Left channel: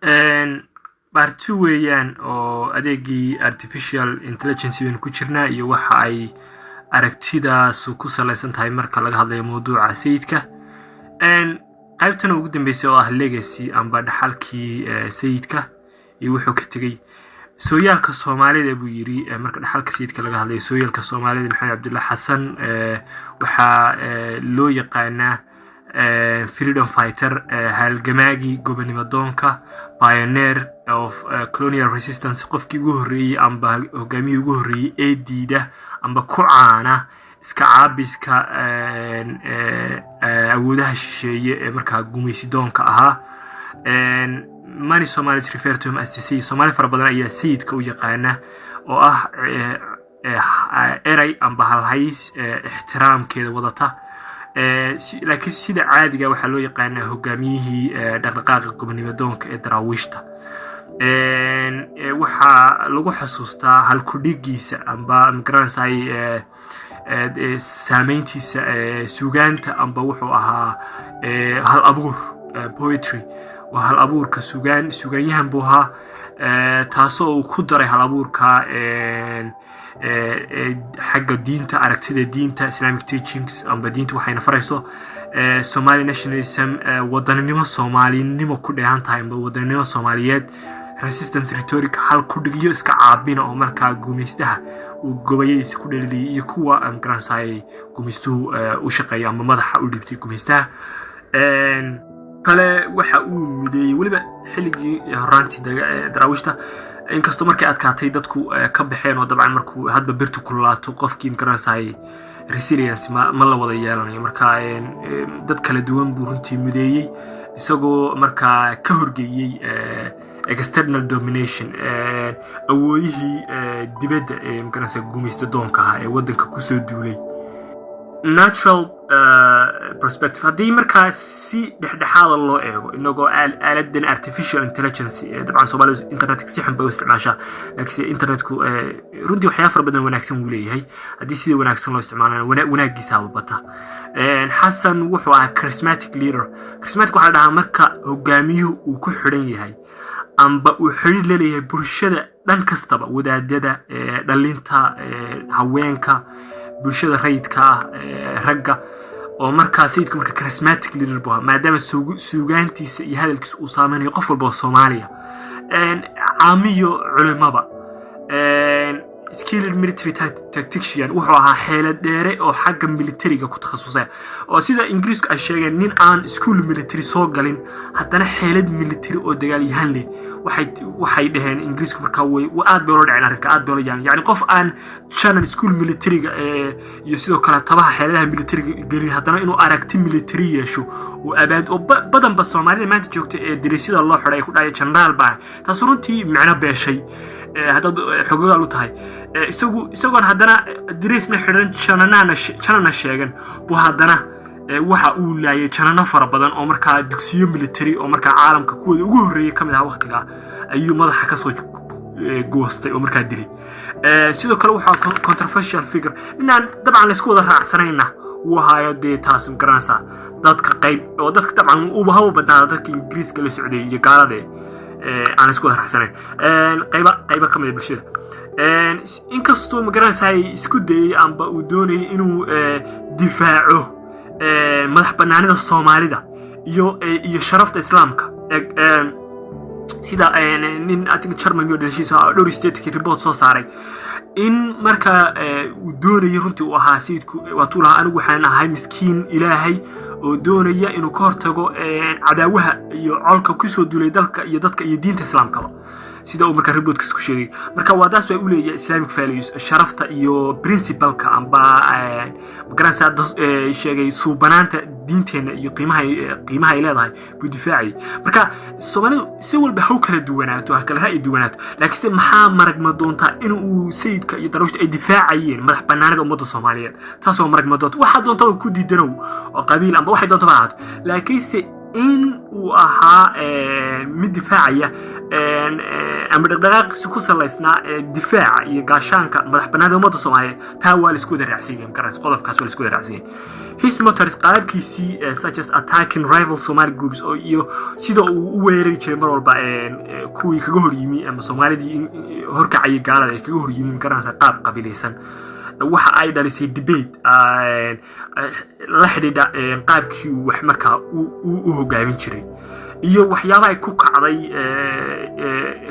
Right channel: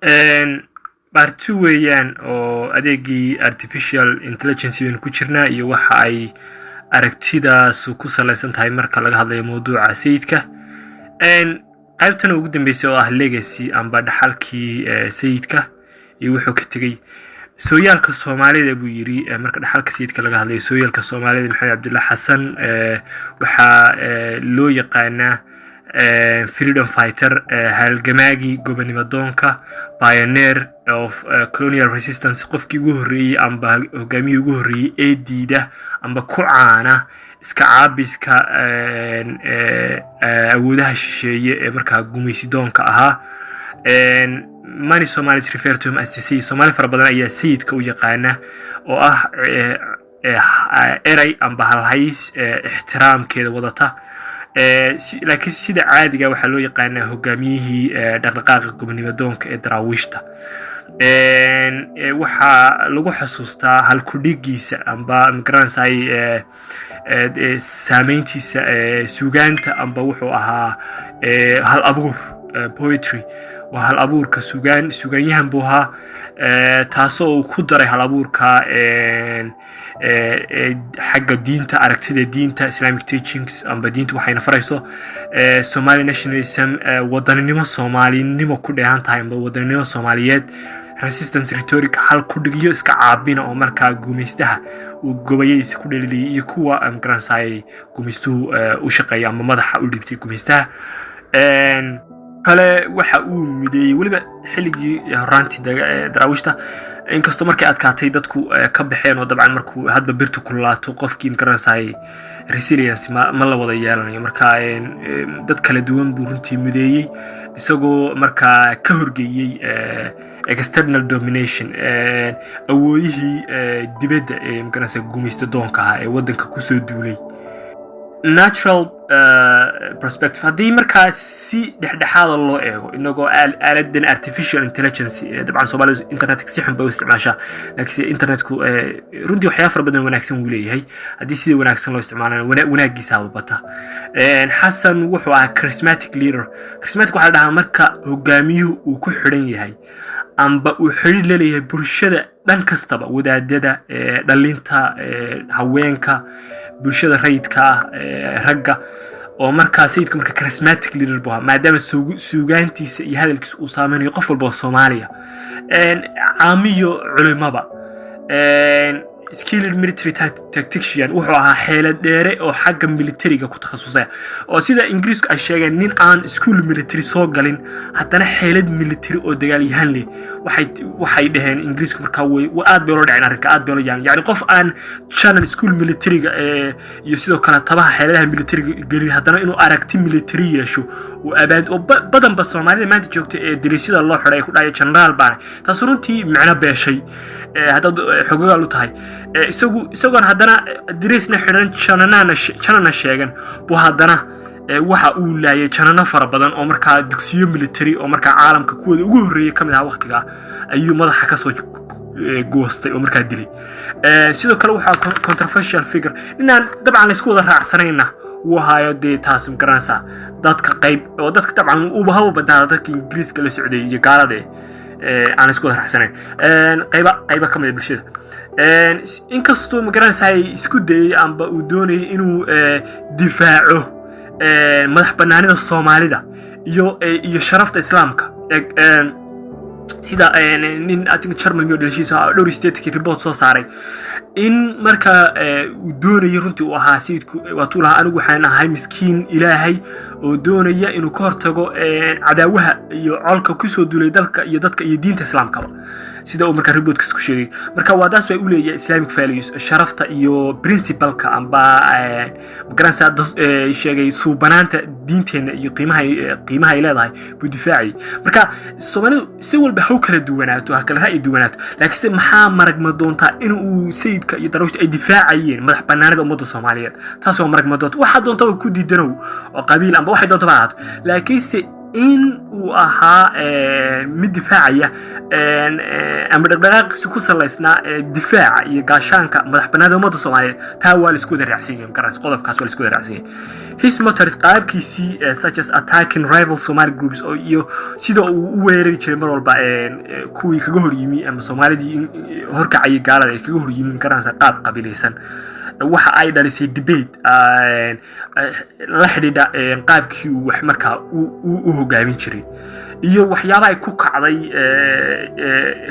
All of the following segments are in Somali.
part 2 weeyaan oo adeegii artificial intelligence baan ku jirnaa iyo waxa ay aragtidaas ku saleysan tahay marka laga hadlayo mawduuca sayidka. qaybtan ugu dambeysay oo ah legacy amba dhaxalkii sayidka iyo wuxuu ka tegay sooyaalka Soomaalida buu yiri marka dhaxalka sayidka laga hadlayo sooyaalka Soomaalida Maxamed Cabdullaahi Xasan waxa loo yaqaanaa freedom fighter halgamaagi gobonimo doonka pioneer of colonial resistance qofkii ugu horeeyay amba hogaamiyay ugu horeeyay ee diida amba ku caana iska caabiska awoodaha shisheeye ee markaa gumaysi doonka ahaa. many Somalis refer to him as the Sayyid. Somali fara badan ayaa sayidka u yaqaana oo ah eray amba halhays ixtiraamkeeda wadata. laakiin sida caadiga waxa loo yaqaanaa hogaamiyihii dhaqdhaqaaqa gobonimo doonka ee daraawiishta. waxa lagu xasuustaa hal ku dhigiisa amba migransay saameyntiisa suugaanta amba wuxuu ahaa hal abuur poetry waa hal abuurka suugaanyahan buu ahaa taasoo uu ku daray hal abuurka xagga diinta aragtida diinta Islamic teachings amba diinta waxayna farayso Somali nationalism wadaninimo Soomaalinimo ku dheehan tahay amba wadaninimo Soomaaliyeed resistance rhetoric hal ku dhigiyo iska caabina oo markaa gumaystaha uu gobayaysa ku dhaliliyay iyo kuwa migransay gumaystuhu u shaqeeya ama madaxa u dhibtay gumaystaha. kale waxa uu mideeyay waliba xilligii horaantii daraawiishta inkastoo markay adkaatay dadku ka baxeen oo dabcan markuu hadba birtu kulaato qofkii migransay resilience ma la wada yeelanayo marka dad kala duwan buu runtii mideeyay isagoo markaa ka horgeeyay external domination awoodihii dibadda ee migransay gumaysta doonka ah ee wadanka ku soo duulay. natural perspective haddii markaa si dhexdhexaada loo eego inagoo aaladan artificial intelligence dabcan Soomaalidu internetka si xun bay u isticmaashaa laakiin internetku runtii waxyaabo fara badan wanaagsan uu leeyahay haddii sida wanaagsan loo isticmaalo wanaagiisa bata. Xasan wuxuu ahaa charismatic leader. charismatic waxa la dhahaa marka hogaamiyuhu uu ku xidhan yahay amba uu xiriir la leeyahay bulshada dhan kastaba wadaadada dhalinta haweenka bulshada rayidka ragga oo markaa sayidku marka charismatic leader buu maadaama suugaantiisa iyo hadalkiisa uu saameynayo qof walba oo Soomaaliya caamiyo culimada skilled military tactician wuxuu ahaa xeelad dheere oo xagga militariga ku takhasusay oo sida Ingiriisku ay sheegeen nin aan school military soo galin haddana xeelad military oo dagaalyahan leh waxay dhaheen Ingiriisku marka way aad bay loo dhaceen arrinka aad bay loo yaani qof aan channel school militariga iyo sidoo kale tabaha xeeladaha militariga gelin haddana inuu aragti military yeesho oo abaad oo badan ba Soomaalida maanta joogta ee diriisada loo xiray ku dhacay general baan taas runtii macna beeshay hadda xogaga lu tahay isagoon haddana diriisna xiran janana sheegan buu haddana waxa uu laayay janana fara badan oo markaa dugsiyo military oo markaa caalamka kuwada ugu horeeyay kamid ah waqtiga ayuu madaxa ka soo goostay oo markaa dilay. sidoo kale waxa controversial figure inaan dabcan la isku wada raacsanayna uu hayo taas garansa dadka qayb oo dadka dabcan uu bahaw badada dadka Ingiriiska la socday iyo gaalada aan isku wada raacsanayn qayba kamid ah bulshada. inkastoo migransay isku dayay amba uu doonayay inuu difaaco madax banaanida Soomaalida iyo sharafta Islaamka sida nin atig German iyo dhalishiisa dhowr state report soo saaray in marka uu doonayay runtii uu ahaa sayidku waa tuulaha anigu waxaan ahay miskiin Ilaahay oo doonaya inuu ka hortago cadaawaha iyo colka ku soo duulay dalka iyo dadka iyo diinta Islaamka sida uu marka reportkiisa ku sheegay marka wadaas way u leeyahay Islamic values sharafta iyo principalka amba migransay sheegay suubanaanta diinteena iyo qiimaha ay leedahay buu difaacay. marka Soomaalidu si walba haw kala duwanaato kala ra'yi duwanaato laakiin maxaa maragma doonta inuu sayidka iyo daraawiishta ay difaacayeen madax banaanida ummadda Soomaaliyeed taasoo maragma doonta waxa doonta ku diidanow oo qabiil amba waxay doonta baaad laakiin in uu ahaa mid difaacaya ama dhaqdhaqaaqiisa ku salaysnaa difaaca iyo gaashaanka madax bannaanida ummadda Soomaaliyeed taa waa la isku wada raacsan yahay markaas qodobkaas waa la isku wada raacsan yahay his motors qaabkiisii such as attacking rival Somali groups oo iyo sida uu u weerari jiray mar walba kuwii kaga hor yimi ama Soomaalidii horkacay gaalada ay kaga hor yimi markaas qaab qabiilaysan waxa ay dhalisay debate la xidhiidha qaabkii wax markaa uu hogaamin jiray iyo waxyaabaha ay ku kacday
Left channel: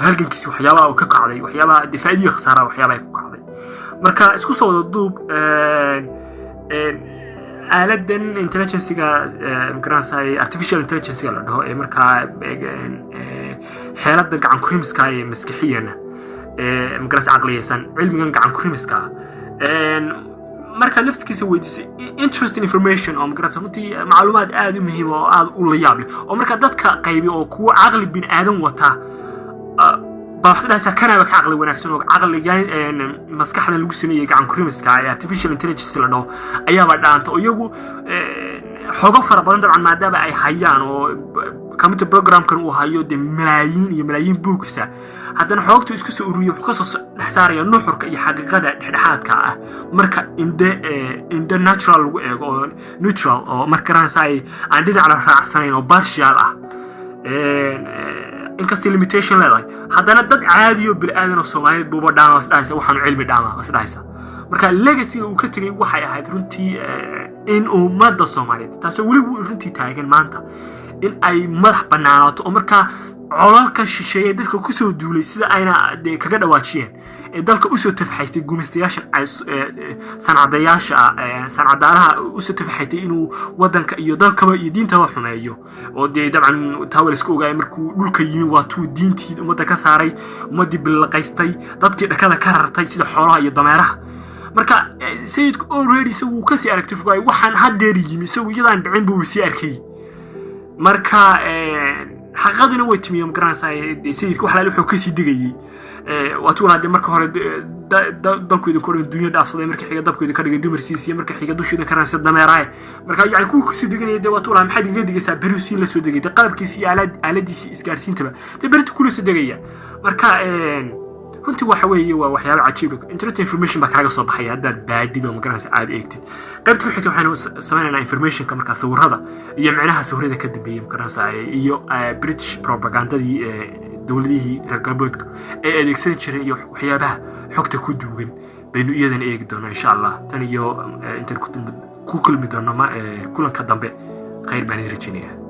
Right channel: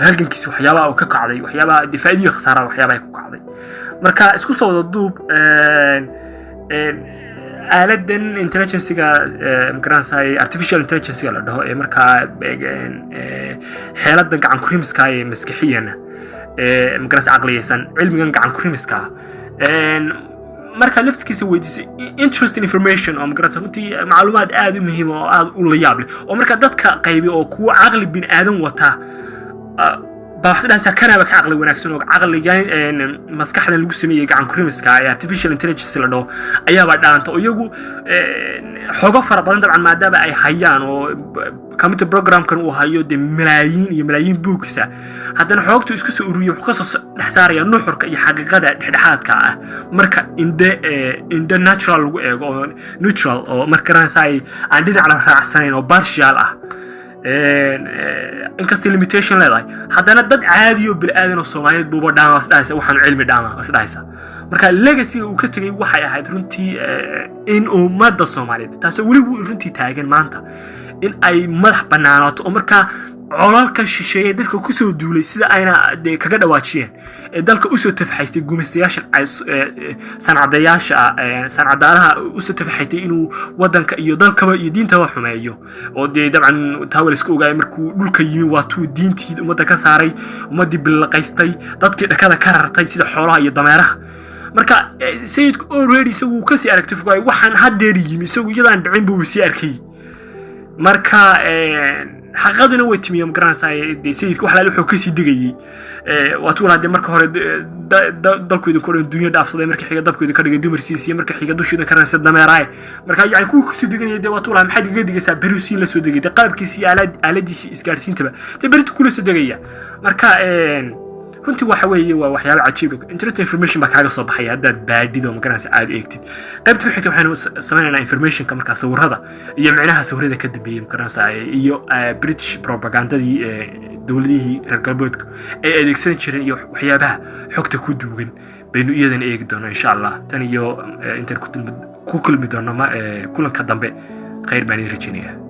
halgankiisa waxyaabaha uu ka kacday waxyaabaha difaaciyada khasaaraha waxyaabaha ay ku kacday marka isku soo wada duub aaladan intelligence-ga markaasay artificial intelligence la dhaho marka xeeladan gacan ku rimiska ee maskaxiyana markaas aqliyaysan cilmigan gacan ku rimiska marka laftiisa weydiisay interesting information oo markaas runtii macluumaad aad u muhiim oo aad u la yaab leh oo marka dadka qaybi oo kuwa aqli bin aadan wata baaxdaas kana ka aqli wanaagsan oo aqligan maskaxdan lagu sameeyay gacan ku rimiska ee artificial intelligence la dhaho ayaa ba dhaanta oo iyagu xogo fara badan dabcan maadaama ay hayaan oo computer programkan uu hayo de malaayiin iyo malaayiin buugisa haddana xoogtu isku soo ururiyo wuxuu ka soo dhaxsaaraya nuxurka iyo xaqiiqada dhexdhexaadka ah marka inda natural lagu eego oo neutral oo markaas ay aan dhinac la raacsanayn oo partial ah inkastoo limitation leedahay haddana dad caadi oo bilaadan oo Soomaaliyeed buuba dhaamaas dhaysa waxaan cilmi dhaamaas dhaysa marka legacy uu ka tagay waxay ahayd runtii in ummadda Soomaaliyeed taas wali runtii taagan maanta in ay madax banaanaato oo marka colalka shisheeye dalka ku soo duulay sida ayna kaga dhawaajiyeen dalka u soo tafxaystay gumaystayaasha sanadaalaha u soo tafxaystay inuu wadanka iyo dalkaba iyo diinta wax xumeeyo oo dabcan taawal isku ogaay markuu dhulka yimi waa tuu diintii ummadda ka saaray ummadii bilaqaystay dadkii dhakada ka rartay sida xoolaha iyo dameeraha marka sayidku already isagu ka sii aragtay fogay waxaan hadeer yimi isagu iyadaan dhicin buu sii arkay marka xaqaduna way timiyeen garanaysaa sayidku waxa la wuxuu ka sii digayay waatu walaad marka hore dalkooda ku duunya dhaafsaday markii xiga dabkooda ka dhigay dumarsiisiye markii xiga dushida karanaysa dameeraay marka yaani ku sii diganay waatu walaad maxay diga digaysaa beruusiin la soo digay qalabkiisa aaladiisa isgaarsiintaba beritu kula soo digaya marka runtii waxa weeye waa waxyaabo cajiib ah internet information ba kaaga soo baxay haddaad baadido ma garanaysa aad eegtid qaybta ku xigta waxaanu sameeynaa information ka markaa sawirada iyo macnaha sawirada ka dambeeyay ma garanaysa iyo British propagandadii dawladihii reer galbeedka ay adeegsan jireen iyo waxyaabaha xogta ku duugan baynu iyadan eegi doonaa insha Allah tan iyo inta ku kulmi doonaa kulanka dambe khayr baan idin rajaynayaa